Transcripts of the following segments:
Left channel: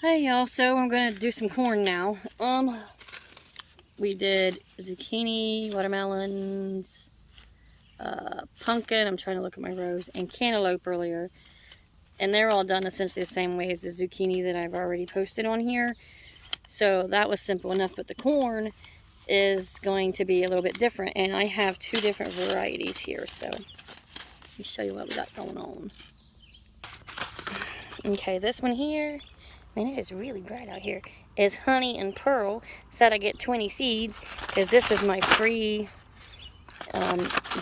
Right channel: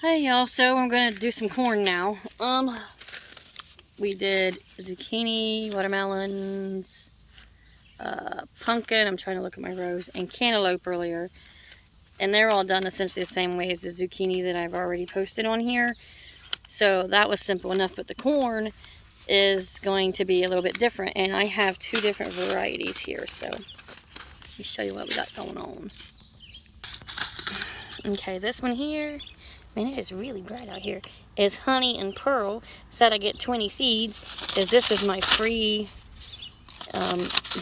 Hey y'all, so I'm gonna do some corn now. We did zucchini, watermelons, pumpkin, I'm trying to look at my rows, and cantaloupe earlier. And they're all done essentially the same way as the zucchini that I've already posted on here. So that was simple enough, but the corn is going to be a little bit different. And I have two different varieties here, so let me show you what we got going on. Okay, this one here, man, it is really bright out here, is Honey and Pearl. Said I get 20 seeds because this was my free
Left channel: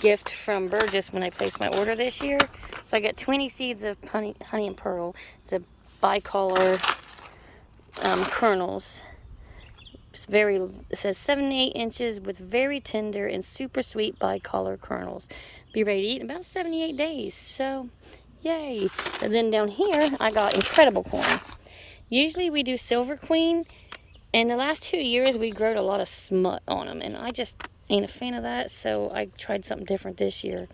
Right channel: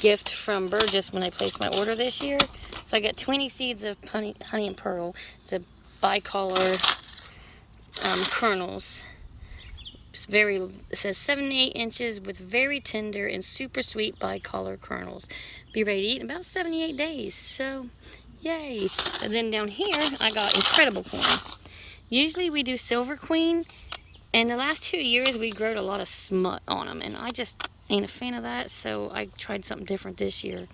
gift from Burgess when I placed my order this year. So I got 20 seeds of honey and Pearl. It's a bicolor kernels. It says 7 to 8 inches with very tender and super sweet bicolor kernels. Be ready to eat in about 78 days. So, yay. And then down here, I got incredible corn. Usually we do Silver Queen, and the last 2 years we growed a lot of smut on them, and I just ain't a fan of that, so I tried something different this year.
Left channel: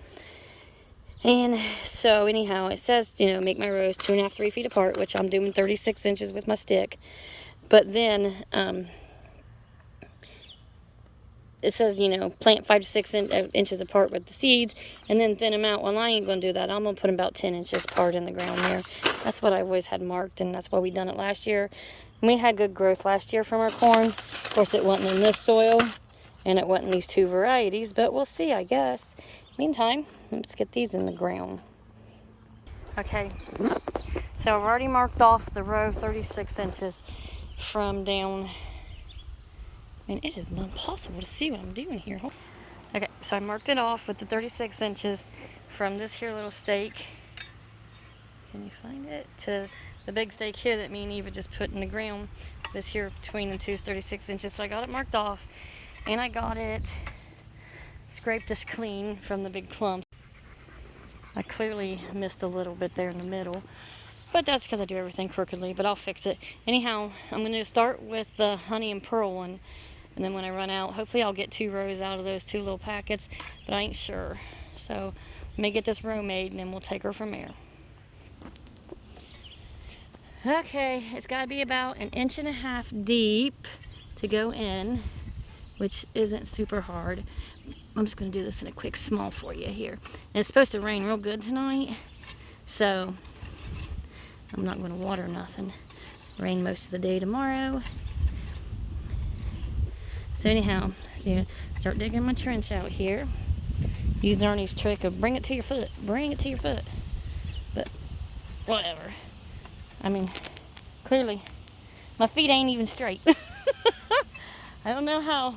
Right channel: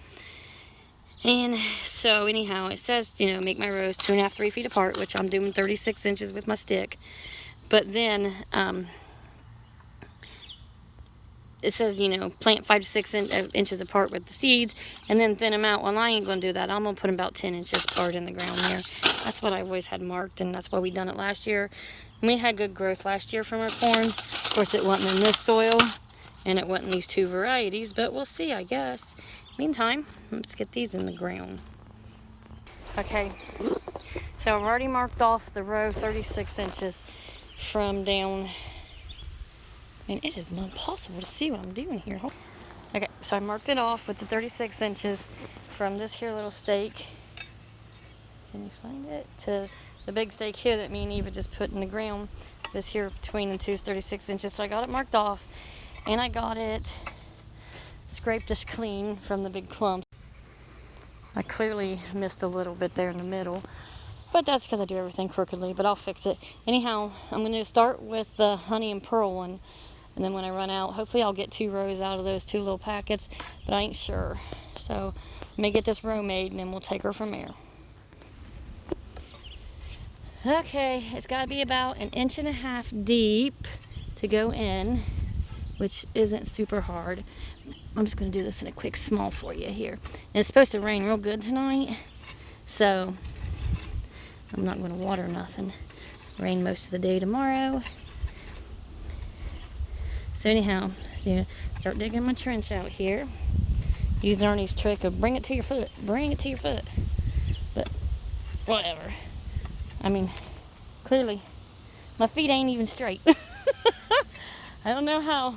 And so anyhow, it says, make my rows 2.5 to 3 feet apart, which I'm doing 36 inches with my stick. But then it says, plant 5 to 6 inches apart with the seeds, and then thin them out. Well, I ain't going to do that. I'm going to put them about 10 inches apart in the ground there. That's what I always had marked, and that's why we done it last year. And we had good growth last year from our corn. Of course, it wasn't in this soil, and it wasn't these two varieties, but we'll see, I guess. Meantime, let's get these in the ground. Okay, so I've already marked off the row 36 inches from down. I mean, it is not possible to see what I'm doing here. Okay, so I marked it off with the 36 inches from this here little stake. Can you find it? To the big stake here that me and Eva just put in the ground. This here between the two is 36 inches. So I got it marked off, and I got it scraped just clean from the big clumps. I clearly missed a little bit there in the middle, but that's because I do everything crookedly, but I'll fix it. Anyhow, I'm going to start with the Honey and Pearl one. And then when I run out, hopefully I'll get 2 rows out of those 2 little packets, but I ain't sure. So let me get this row made, and then we'll take her from there. Okay, it's got to be about 1.5 inches deep to go in, which isn't super hard. I'm just going to do this in a quick small for you here. And it's supposed to rain real good tonight, so I'm not going to water nothing. Rain most of the day tomorrow. So anyhow, start digging my trench out here. Use Arnie's trick of bring it to your foot. Bring it to your foot. But whatever. I mean, clearly, my feet ain't even straight. I don't know how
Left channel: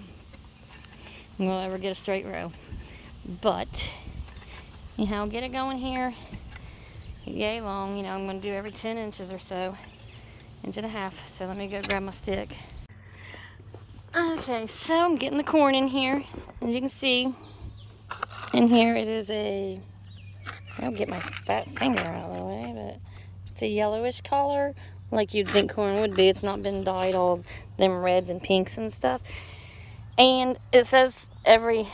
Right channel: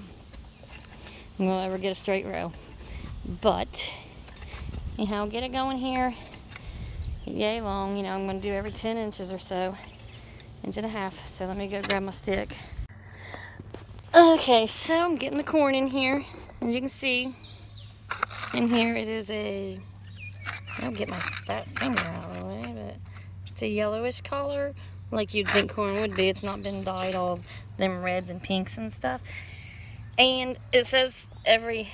I'm going to ever get a straight row. But anyhow, get it going here. Yay long. I'm going to do every 10 inches or so. 1.5 inches. So let me go grab my stick. Okay, so I'm getting the corn in here. As you can see, in here it is I'll get my fat finger out of the way, but it's a yellowish color, like you'd think corn would be. It's not been dyed all of them reds and pinks and stuff. And it says every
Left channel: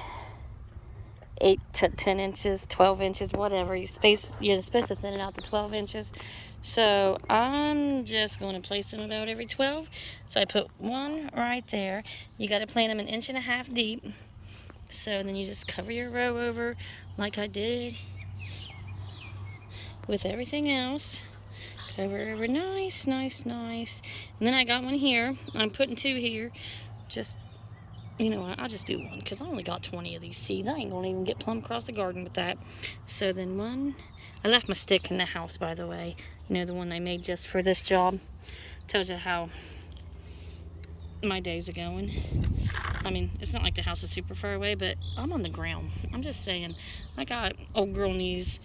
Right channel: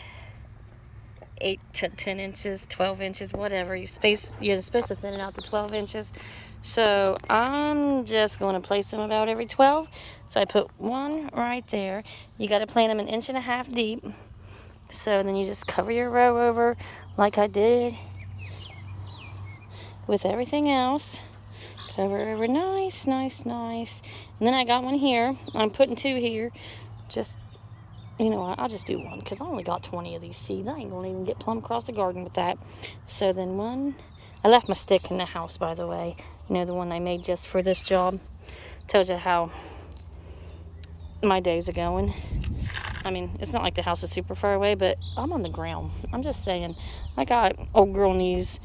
8 to 10 inches, 12 inches, whatever. You're supposed to thin it out to 12 inches. So I'm just going to place them about every 12. So I put one right there. You got to plant them 1.5 inches deep. So then you just cover your row over like I did with everything else. Cover over nice, nice, nice. And then I got one here. I'm putting 2 here. Just, I'll just do one because I only got 20 of these seeds. I ain't going to even get plumb across the garden with that. So then one. I left my stick in the house, by the way. The one I made just for this job. Tells you how my days are going. I mean, it's not like the house is super far away, but I'm on the ground. I'm just saying, I got old girl knees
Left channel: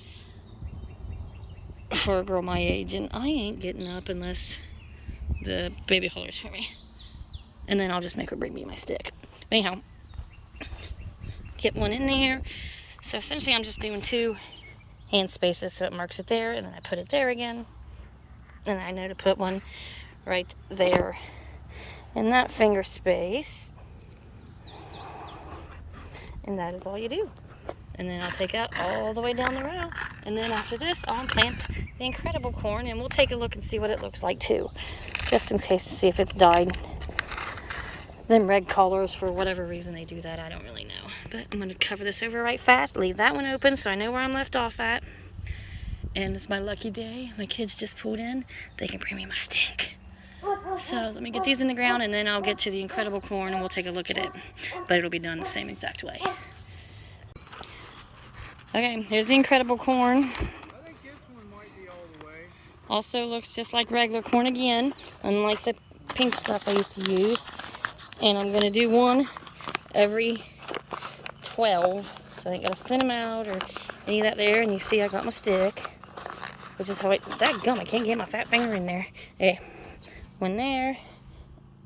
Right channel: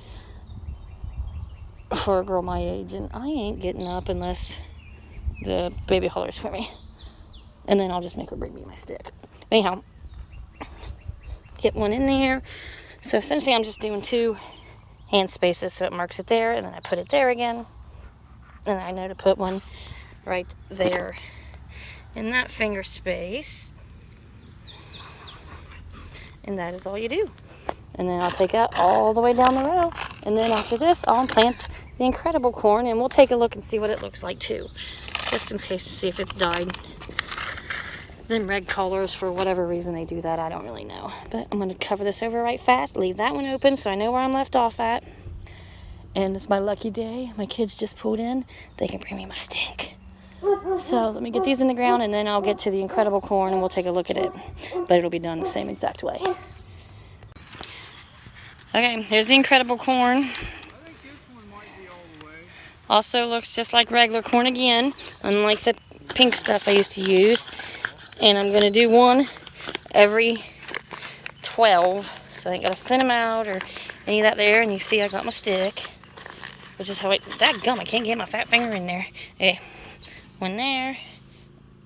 for a girl my age, and I ain't getting up unless the baby hollers for me. And then I'll just make her bring me my stick. Anyhow, get one in there. So essentially I'm just doing 2 hand spaces, so it marks it there, and then I put it there again. And I know to put one right there in that finger space. And that is all you do. And then I'll take that all the way down the row. And then after this, I'll plant the incredible corn, and we'll take a look and see what it looks like too, just in case to see if it's died. Them red colors, for whatever reason they do that, I don't really know. But I'm going to cover this over right fast, leave that one open so I know where I'm left off at. And it's my lucky day. My kids just pulled in. They can bring me my stick. So let me get these in the ground, and then I'll get to the incredible corn and we'll take a look at it. But it'll be done the same exact way. Okay, here's the incredible corn. Also looks just like regular corn again, unlike the pink stuff I used to use. And I'm going to do one every 12. So I ain't got to thin them out or any of that there. And you see I got my stick, which is how I, that gum, I can't get my fat finger in there. Okay, one there,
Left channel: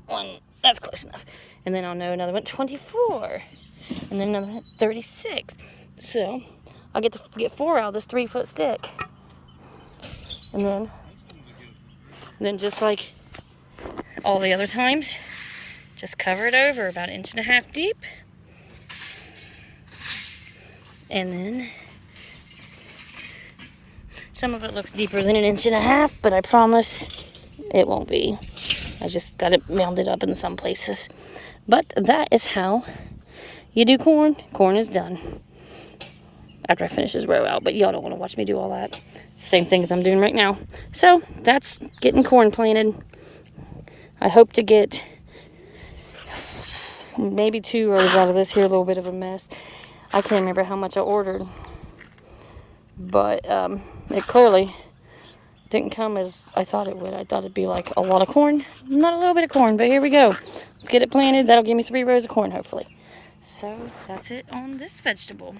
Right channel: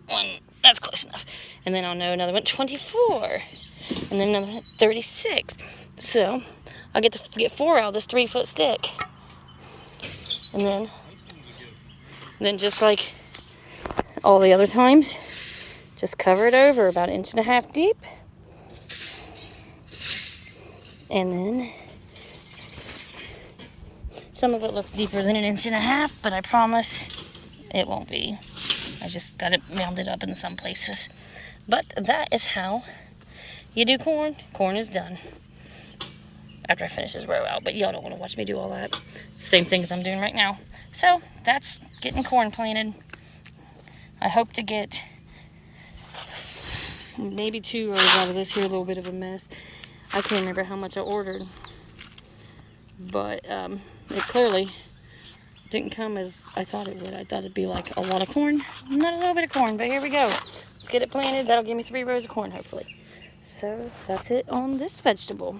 one, that's close enough. And then I'll know another one, 24. And then another one, 36. So I'll get to get 4 out of this 3-foot stick. And then just like all the other times, just cover it over about 1.5 inches deep. And then some of it looks deeper than 1.5 inches, but I promise it won't be. I just got it mounded up in some places. But that is how you do corn. Corn is done. After I finish this row out, but y'all don't want to watch me do all that. Same thing as I'm doing right now. So that's getting corn planted. I hope to get maybe 2 rows out of this here. A little bit of a mess. I can't remember how much I ordered, but it clearly didn't come as I thought it would. I thought it'd be like a lot of corn. Not a little bit of corn, but here we go. Let's get it planted. That'll give me 3 rows of corn, hopefully. So that's it on this vegetable.